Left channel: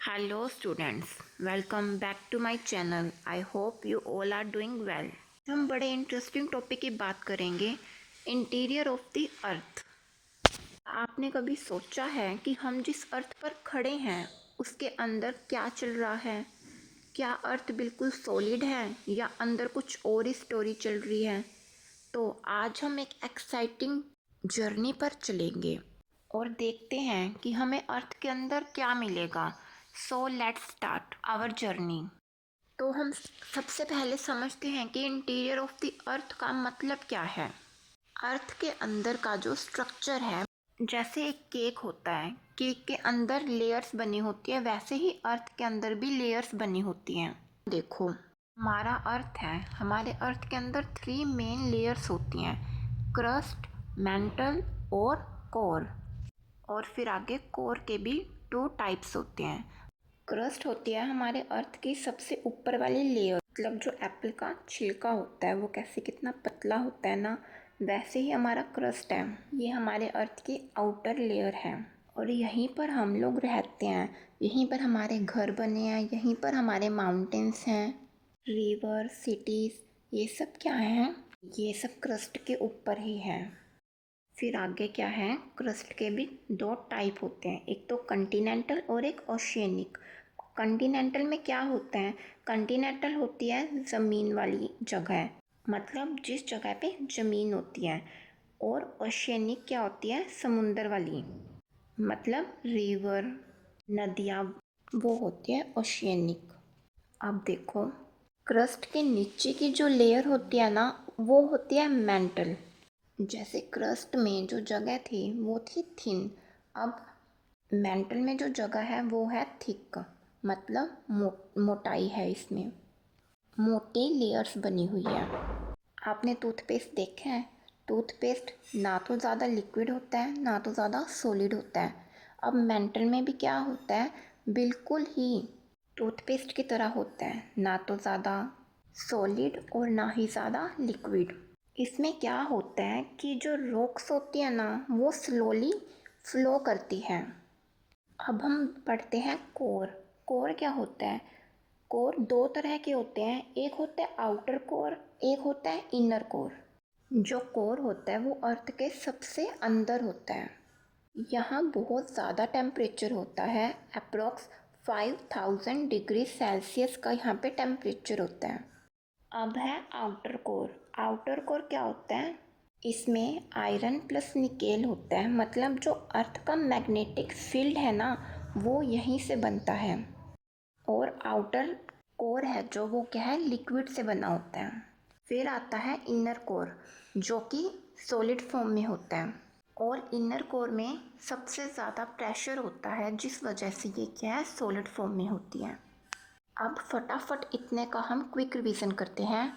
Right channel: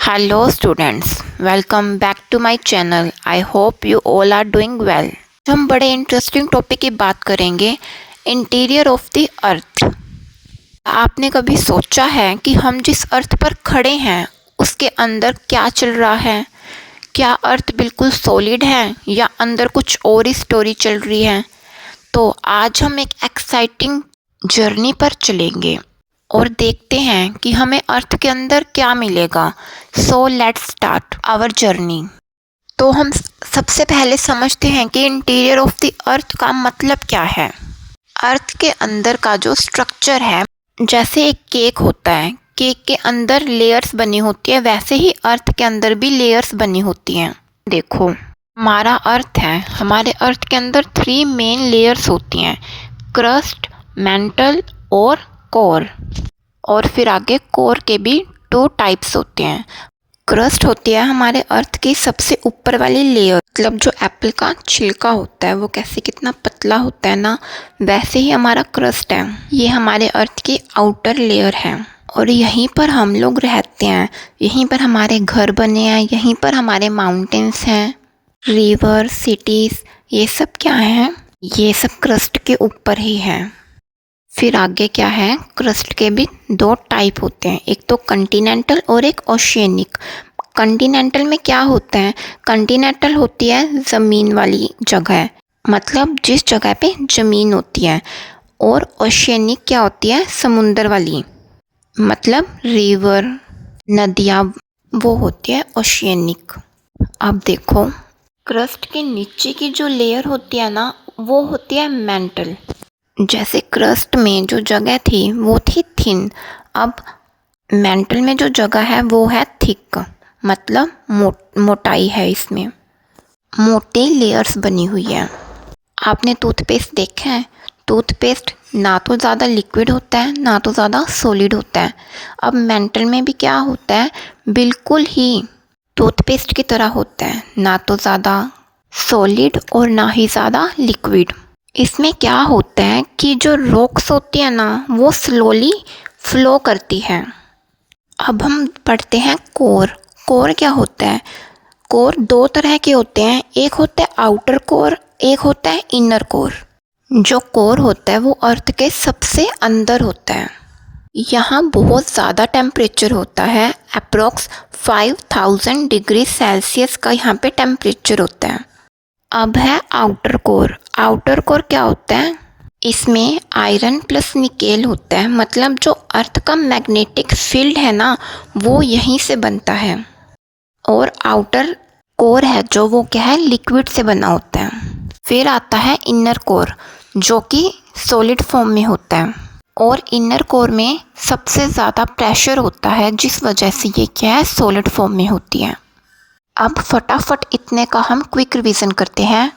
Hello students, welcome back to my channel. I hope you all are doing well. हम बड़े interesting topic की बात करेंगे, interior of the earth. आपने कभी सोचा है कि हम जिस अर्थ पर खड़े हैं उसके अंदर क्या चल रहा है? क्या अर्थ बिल्कुल सॉलिड है या अंदर कुछ और ही स्टोरी चल रही है? तो आज हम एक एक्साइटिंग जर्नी पर चलेंगे और देखते हैं कि हमें अर्थ के अंदर क्या मिलेगा। So let's start our journey. तो हम सबसे पहले समझते हैं कि इंटीरियर ऑफ द अर्थ का मतलब क्या है। अर्थ के अंदर का जो स्ट्रक्चर है, जैसे एक केक होता है, केक के अंदर लेयर्स बनी होती है, वैसे ही अर्थ के अंदर भी लेयर्स बनी होती हैं। देखो, हमारा अर्थ है, हमारे अर्थ के अंदर 3 मेन लेयर्स होती हैं, क्रस्ट, मेंटल और कोर। और फिर आगे कोर के भी 2 टाइप्स होते हैं। क्रस्ट होती है हमारे अर्थ की सबसे ऊपर वाली लेयर, मतलब जो एप्पल का छिलका होता है वो कैसे कितना पतला होता है ना, वैसे ही हमारा क्रस्ट है। ये हमारे अर्थ की आउटर लेयर है और यहीं पर हम लोग रहते हैं, यहीं पर हमारे घर बने हैं, यहीं पर हमारे माउंटेन्स हैं, रिवर, सिटीज़, ये सब क्या हैं? ये सब क्रस्ट के ऊपर ही है। फिर आगे क्या है, क्रस्ट के भी 2 टाइप होते हैं, एक तो कंटिनेंटल और एक ओशियनिक। कंटिनेंटल में क्या होता है? कंटिनेंटल होती है ज़मीन वाली जगह, मतलब जिस जगह पे ज़मीन होती है, और ओशियनिक क्या होती है? समुंदर वाली, मतलब रिवर, नदियाँ, वो होती है ओशियनिक। अब देखो, क्रस्ट के नीचे की जो लेयर होती है ना, वो होती है मेंटल। जैसे क्रस्ट में जो जगह थी वो थी थिन, अब मेंटल में जो जगह है वो है थिक, मतलब मोटाई है, इसमें मोटी लेयर्स बनी हुई है। आपने टूथपेस्ट देखा है? टूथपेस्ट ना तो ज़्यादा लिक्विड होता है ना तो ज़्यादा सॉलिड होता है। अब मेंटल में भी क्या होता है? बिल्कुल ही टूथपेस्ट की तरह होता है, ना तो ज़्यादा सॉलिड और ना ही ज़्यादा लिक्विड। इसमें क्या होता है कि जो रॉक्स होती है ना, वो स्लोली फ्लो करती है। अब हम पढ़ते हैं कोर। कोर क्या होता है? कोर 2 तरह के होते हैं, एक होता है आउटर कोर, एक होता है इनर कोर। जो कोर होता है वो अर्थ के सबसे अंदर होता है। यहाँ बहुत ज़्यादा टेम्परेचर होता है, अप्रोक्स 5000 डिग्री सेल्सियस का यहाँ पे टेम्परेचर होता है। अब है आउटर कोर। आउटर कोर क्या होता है? इसमें आयरन प्लस निकेल होता है, मतलब जो अर्थ का मैग्नेटिक फील्ड है ना, वो यहीं से बनता है। और आउटर कोर है जो, वो क्या है? लिक्विड से बना होता है। फिर आता है इनर कोर, जो कि सॉलिड फॉर्म में होता है, और इनर कोर में सबसे ज़्यादा प्रेशर होता है, जिस वजह से ये क्या है? सॉलिड फॉर्म में होती है। अब फटाफट इतने का हम क्विक रिवीजन करते हैं।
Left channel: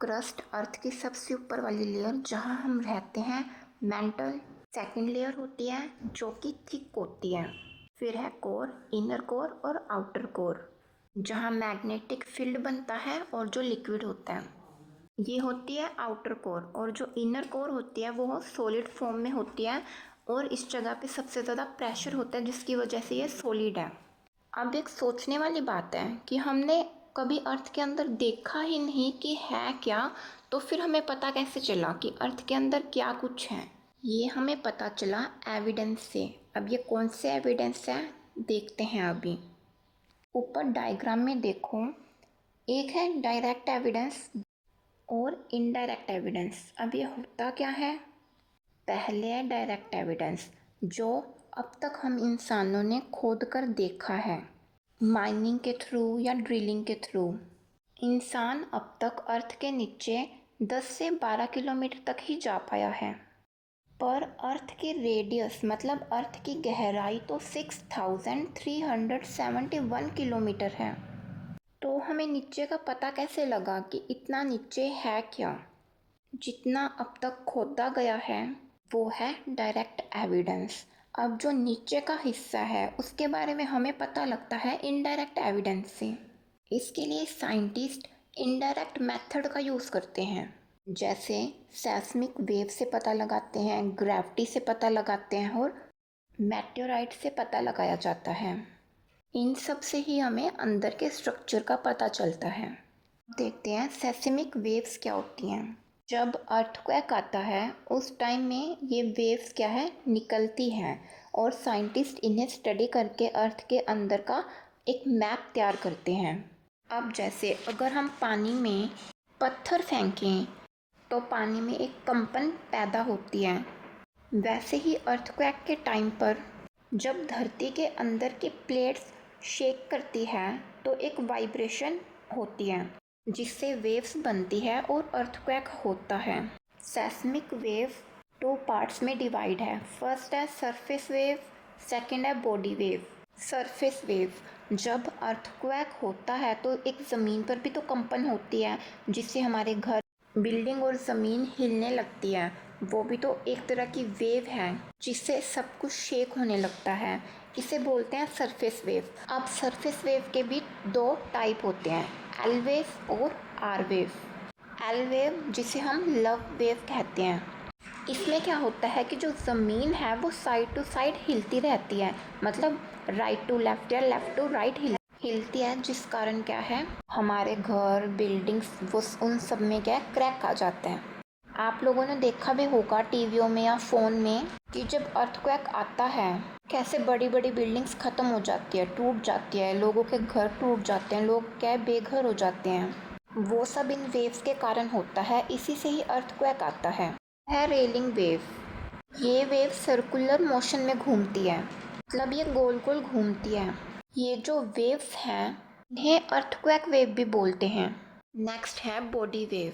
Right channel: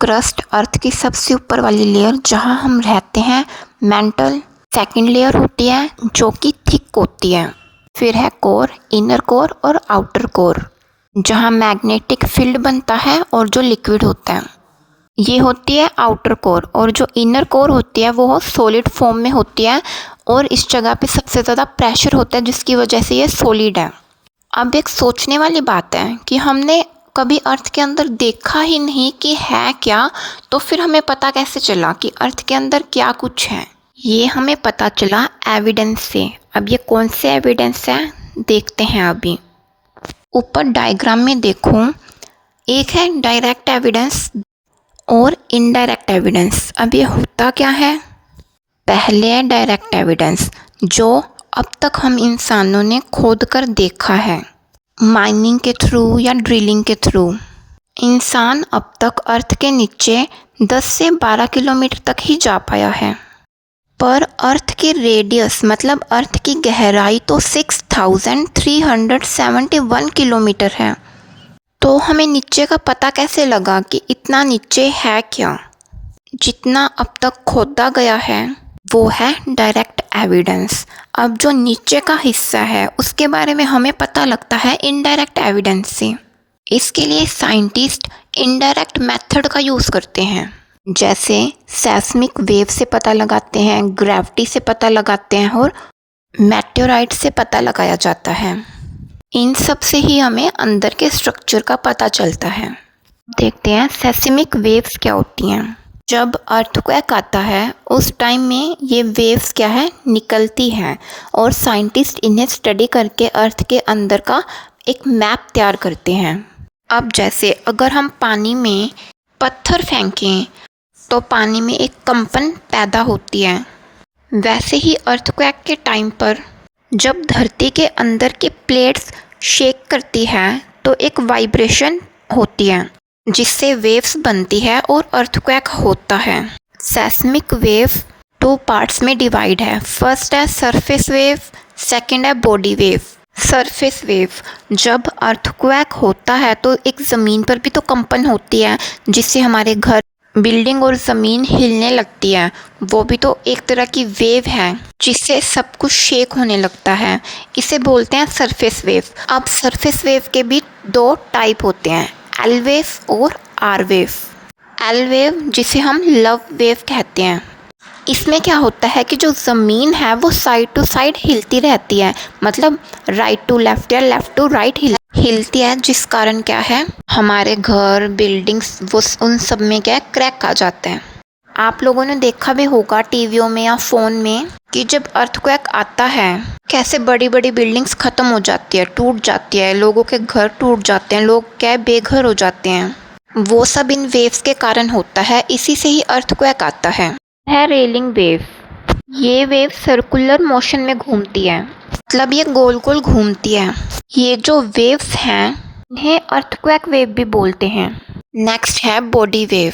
क्रस्ट अर्थ की सबसे ऊपर वाली लेयर जहाँ हम रहते हैं, मेंटल सेकंड लेयर होती है जो कि थिक होती है। फिर है कोर, इनर कोर और आउटर कोर, जहाँ मैग्नेटिक फील्ड बनता है और जो लिक्विड होता है, ये होती है आउटर कोर। और जो इनर कोर होती है वो सॉलिड फॉर्म में होती है, और इस जगह पे सबसे ज़्यादा प्रेशर होता है, जिसकी वजह से ये सॉलिड है। अब एक सोचने वाली बात है कि हमने कभी अर्थ के अंदर देखा ही नहीं कि है क्या, तो फिर हमें पता कैसे चला कि अर्थ के अंदर क्या कुछ है? ये हमें पता चला एविडेंस से। अब ये कौन से एविडेंस है, देखते हैं अभी। ऊपर डायग्राम में देखो, एक है डायरेक्ट एविडेंस और इनडायरेक्ट एविडेंस। अब ये होता क्या है? पहले है डायरेक्ट एविडेंस, जो अब तक हम इंसानों ने खोद कर देखा है, माइनिंग के थ्रू या ड्रिलिंग के थ्रू। इंसान अब तक अर्थ के नीचे 10 से 12 किलोमीटर तक ही जा पाया है, पर अर्थ की रेडियस, मतलब अर्थ की गहराई तो 6371 किलोमीटर है। तो हमें नीचे का पता कैसे लगा कि इतना नीचे है क्या? जितना अब तक खोदा गया है वो है डायरेक्ट एविडेंस। अब जो नीचे का हिस्सा है उसके बारे में हमें पता लगता है इनडायरेक्ट एविडेंस से। इसके लिए साइंटिस्ट इनडायरेक्ट मेथड का यूज़ करते हैं, जैसे सेस्मिक वेव से पता लगाते हैं, ग्रेविटी से पता लगाते हैं, और मेटेओराइट से पता लगाया जाता है। इन सब से ही हमें अंदर के स्ट्रक्चर का पता चलता है। देखते हैं सेस्मिक वेव्स क्या होती हैं। जब अर्थक्वेक आता है उस टाइम में ये वेव्स क्या है निकलती हैं और साइंटिस्ट इन्हें स्टडी करके अर्थ के अंदर का एक मैप तैयार करते हैं। अब जैसे अगर हम पानी में पत्थर फेंकें तो पानी में एक कंपन पैदा होती है, वैसे ही अर्थक्वेक के टाइम पर जब धरती के अंदर की प्लेट्स शेक करती है तो एक वाइब्रेशन होती है जिससे वेव्स बनती है और अर्थक्वेक होता है। सेस्मिक वेव 2 पार्ट्स में डिवाइड है। फर्स्ट है सरफेस वेव, सेकंड है बॉडी वेव। सरफेस वेव, जब अर्थक्वेक होता है तो एक ज़मीन पर भी तो कंपन होती है जिससे हमारे घर, बिल्डिंग और ज़मीन हिलने लगती है। वो भी तो एक तरह की वेव है जिससे सब कुछ शेक होने लगता है। इसे बोलते हैं सरफेस वेव। अब सरफेस वेव के भी 2 टाइप होते हैं, एल वेव और आर वेव। एल वेव जिसे हम लव वेव कहते हैं, इसमें क्या होता है कि जो ज़मीन है वो साइड टू साइड हिलती रहती है, मतलब राइट टू लेफ़्ट या लेफ़्ट टू राइट हिलती है, जिस कारण क्या है हमारे घर, बिल्डिंग्स, वो उन सब में क्या है क्रैक आ जाते हैं। आप लोगों ने देखा भी होगा टीवियों में या फ़ोन में कि जब अर्थक्वेक आता है कैसे बड़ी बड़ी बिल्डिंग्स ख़त्म हो जाती है, टूट जाती है, लोगों के घर टूट जाते हैं, लोग क्या बेघर हो जाते हैं। वो सब इन वेव्स के कारण होता है, इसी से ही अर्थक्वेक आता है रेलिंग वेव। ये वेव सर्कुलर मोशन में घूमती है, मतलब ये गोल गोल घूमती है। ये जो वेव्स हैं इन्हें अर्थक्वेक वेव भी बोलते हैं। नेक्स्ट है बॉडी वेव।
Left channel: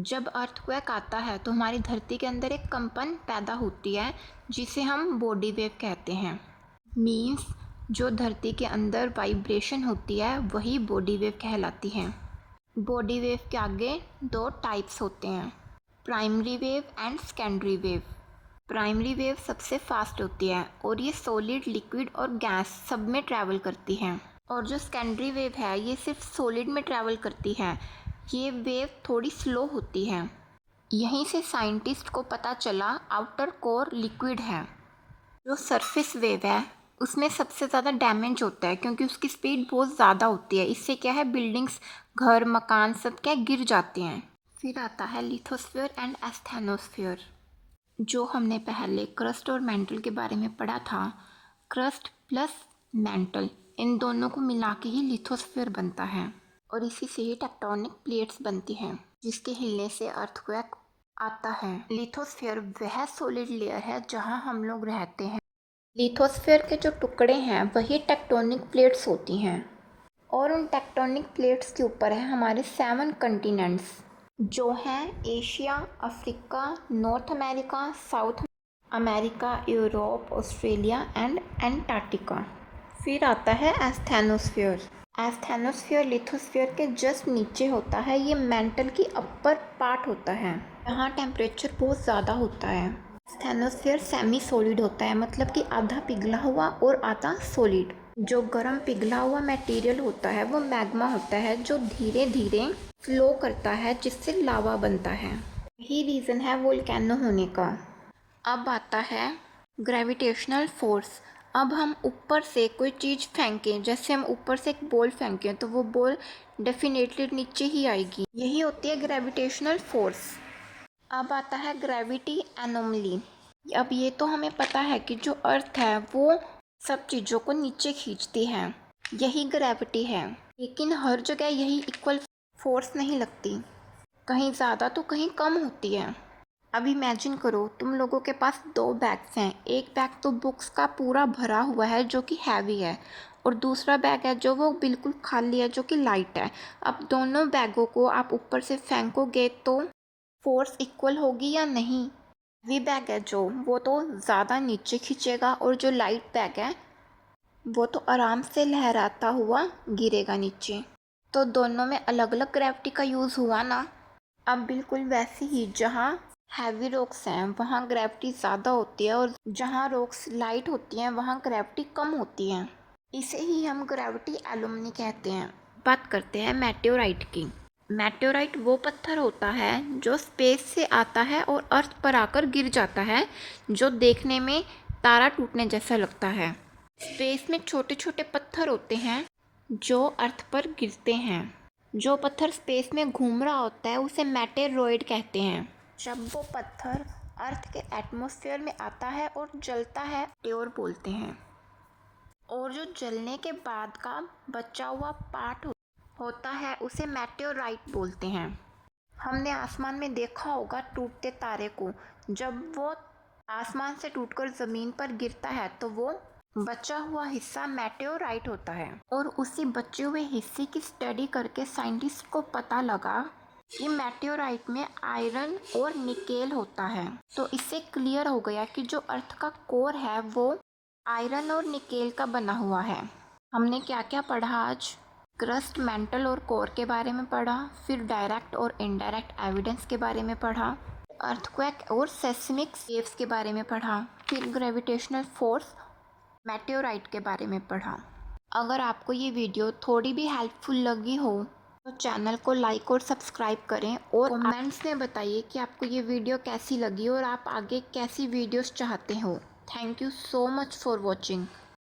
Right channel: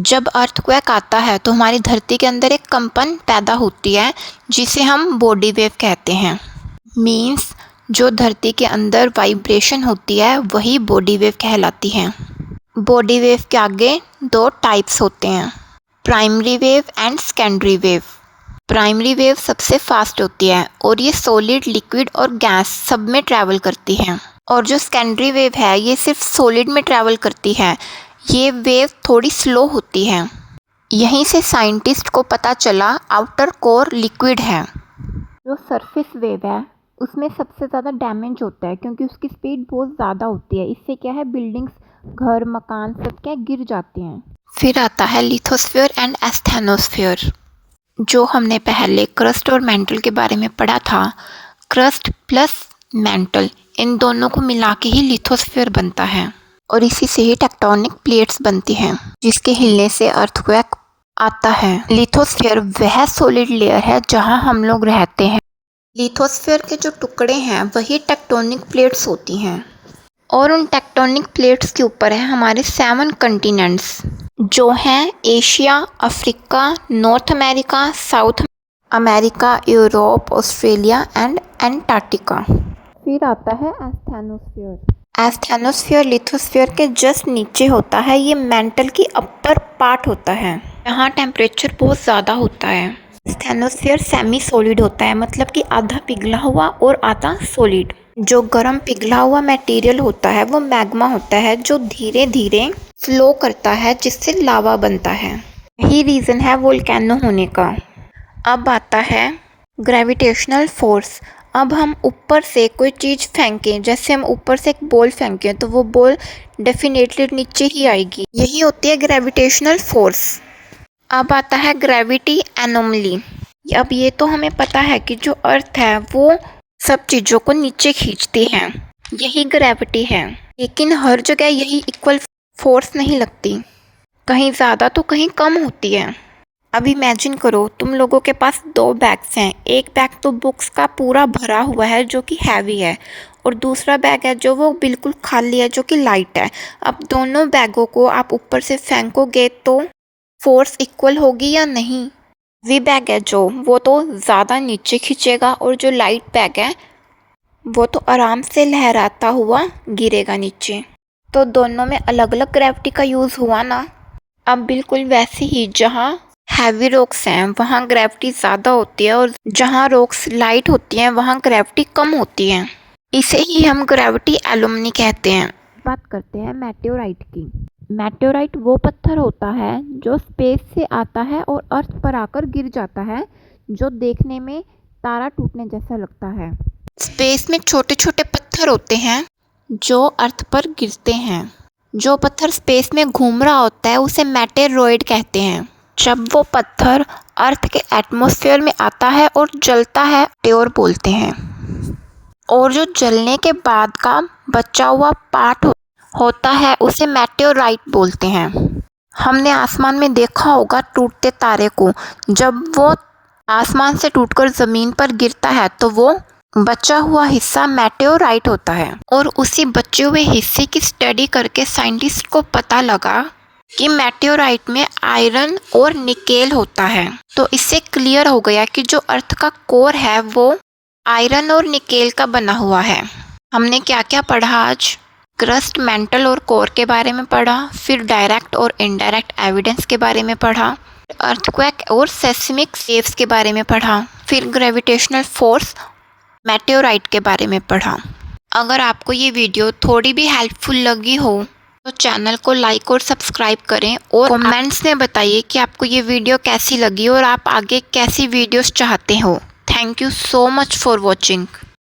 जब अर्थक्वेक आता है तो हमारी धरती के अंदर एक कंपन पैदा होती है जिसे हम बॉडी वेव कहते हैं। मीन्स जो धरती के अंदर वाइब्रेशन होती है वही बॉडी वेव कहलाती है। बॉडी वेव के आगे 2 टाइप्स होते हैं, primary wave and secondary wave. Primary wave सबसे फास्ट होती है और ये सॉलिड, लिक्विड और गैस सब में ट्रैवल करती है। और जो सेकेंडरी वेव है ये सिर्फ सॉलिड में ट्रैवल करती है। ये वेव थोड़ी स्लो होती है। यहीं से साइंटिस्ट को पता चला आउटर कोर लिक्विड है। जो सरफेस वेव है उसमें सबसे ज़्यादा डैमेज होता है क्योंकि उसकी स्पीड बहुत ज़्यादा होती है। इससे क्या है बिल्डिंग्स, घर, मकान सब क्या गिर जाते हैं। फिर आता है लिथोस्फीयर एंड एस्थेनोस्फीयर, जो हमने पहले क्रस्ट और मेंटल के बारे में पढ़ा था। क्रस्ट प्लस मेंटल, इन दोनों को मिला के ही लिथोस्फीयर बनता है और इसी से ही टेक्टोनिक प्लेट्स बनती हैं जिसके हिलने से अर्थक्वेक आता है। लिथोस्फीयर वह सॉलिड लेयर है जहां हम लोग रहते हैं। लिथोस्फीयर के जो टुकड़े हैं वही टेक्टोनिक प्लेट्स होती हैं और उन टेक्टोनिक प्लेट्स के ऊपर है हमारे 7 कंटिनेंट्स जो हैं Asia, Africa, north America, south America, Europe, Australia and Antarctica. फिर आता है एस्थेनोस्फीयर। एस्थेनोस्फीयर लिथोस्फीयर के जस्ट नीचे होता है। ये मेंटल की अपर पार्ट होता है, यहाँ टेम्परेचर बहुत ज़्यादा होता है। एस्थेनोस्फीयर सेमी सॉलिड होता है, मतलब कि आधा पिघला हुआ और आधा सॉलिड। जो गर्म पिघला हुआ मटेरियल होता है वो मैग्मा होता है जो धीरे धीरे फ्लो करता है जिससे लावा बनता है। यही रीज़न है वोल्केनो होने का। अब आता है ग्रेविटेशनल फोर्स। अब हम ऊपर से कोई चीज़ फेंकें, जैसे हम ऊपर से एक बॉल फेंकें तो वो बॉल डेफिनेटली नीचे ही आएगी, यही होती है ग्रेविटेशनल फोर्स। अब आता है ग्रेविटी एनोमली। अब ये तो हमें पता है कि जो अर्थ है वो सब चीज़ों को नीचे खींचती है, यही ग्रेविटी है। लेकिन हर जगह यही इक्वल फोर्स नहीं लगती, कहीं ज़्यादा तो कहीं कम होती है। अब इमेजिन करो तुम लोगों के पास 2 बैग्स हैं। एक बैग तो बुक्स का पूरा भरा हुआ है जो कि हैवी है और दूसरा बैग है जो वो बिल्कुल खाली है जो कि लाइट है। अब दोनों बैगों को आप ऊपर से फेंकोगे तो फोर्स इक्वल होगी या नहीं? वी बैग है जो वो तो ज़्यादा नीचे खींचेगा और जो लाइट बैग है वो तो आराम से लहराता हुआ गिरेगा नीचे। तो दोनों में अलग अलग ग्रेविटी का यूज़ हुआ ना। अब बिल्कुल वैसे ही जहाँ हैवी रॉक्स हैं वहाँ ग्रेविटी ज़्यादा होती है और जहाँ रॉक्स लाइट होती हैं वहाँ ग्रेविटी कम होती है। इसे ही हम ग्रेविटी एनोमली कहते हैं। बात करते हैं मेटेओराइट की। मेटेओराइट वो पत्थर होता है जो स्पेस से आता है और अर्थ पर आकर गिर जाता है, जो देखने में तारा टूटने जैसा लगता है। स्पेस में छोटे छोटे पत्थर होते हैं जो अर्थ पर गिरते हैं। जो पत्थर स्पेस में घूम रहा होता है उसे मेटेरॉइड कहते हैं। जब वो पत्थर अर्थ के एटमॉस्फेयर में आता है और जलता है मेटेओर बोलते हैं। और जो जलने के बाद का बचा हुआ पार्ट होता है उसे मेटेओराइट बोलते हैं। हमने आसमान में देखा होगा टूटते तारे को। जब वो आसमान से टूटकर ज़मीन पर गिरता है तो वो बचा हुआ हिस्सा मेटेओराइट होता है। और उसी बचे हुए हिस्से की स्टडी करके साइंटिस्ट को पता लगा कि मेटेओराइट में आयरन और निकेल होता है। तो इससे क्लियर हो गया कि जो अर्थ का कोर है वो आयरन और निकेल का बना हुआ है। हमने क्या क्या पढ़ा आज? क्रस्ट, मेंटल और कोर के बारे में पढ़ा, फिर डायरेक्ट और इनडायरेक्ट एविडेंस के बारे में पढ़ा, अर्थक्वेक और सेस्मिक वेव्स के बारे में पढ़ा, फिर ग्रेविटेशनल फोर्स मेटेओराइट के बारे में पढ़ा। अगर आपको ये वीडियो थोड़ी भी हेल्पफुल लगी हो तो चैनल को लाइक और सब्सक्राइब करें और कमेंट्स में बताइए कि आपको ये वीडियो कैसी लगी और आप आगे कैसी वीडियोस चाहते हो। Thank you so much for watching.